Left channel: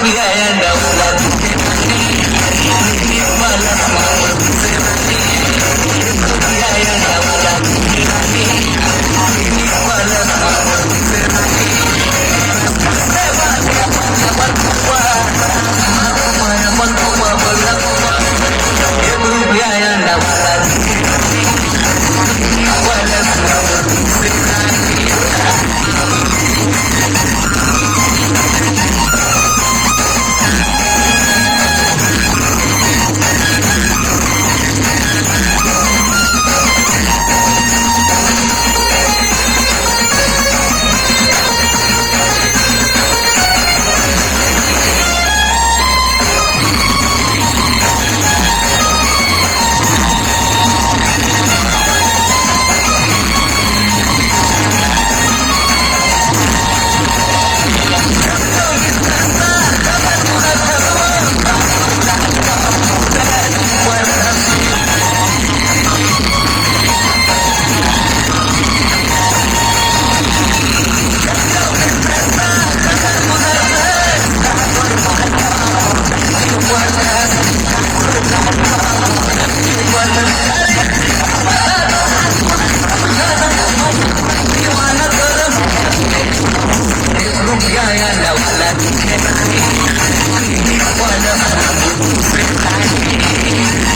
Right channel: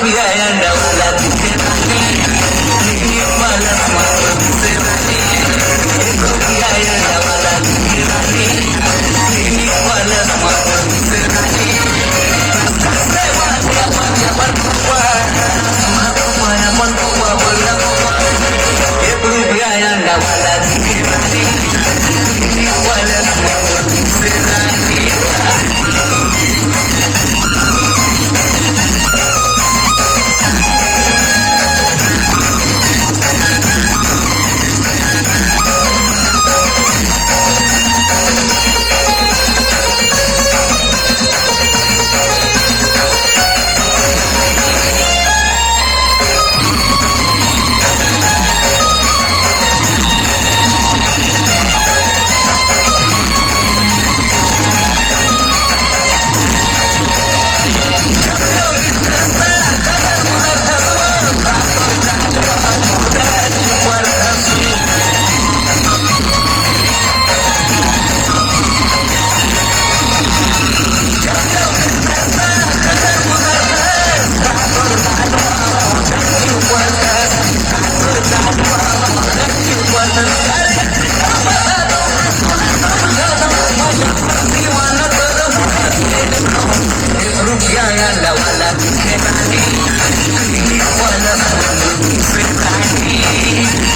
रुपया या डाऊला दिखे राणी मला मावळ दिसे राणी एक रुपया या डाऊला दिखे राणी मला मावळ दिसे राणी माया म्हणतो बाबला एक रुपया या डाऊला दिखे राणी मला मावळ दिसे राणी रुपया या डाऊला दिखे राणी मला मावळ दिसे राणी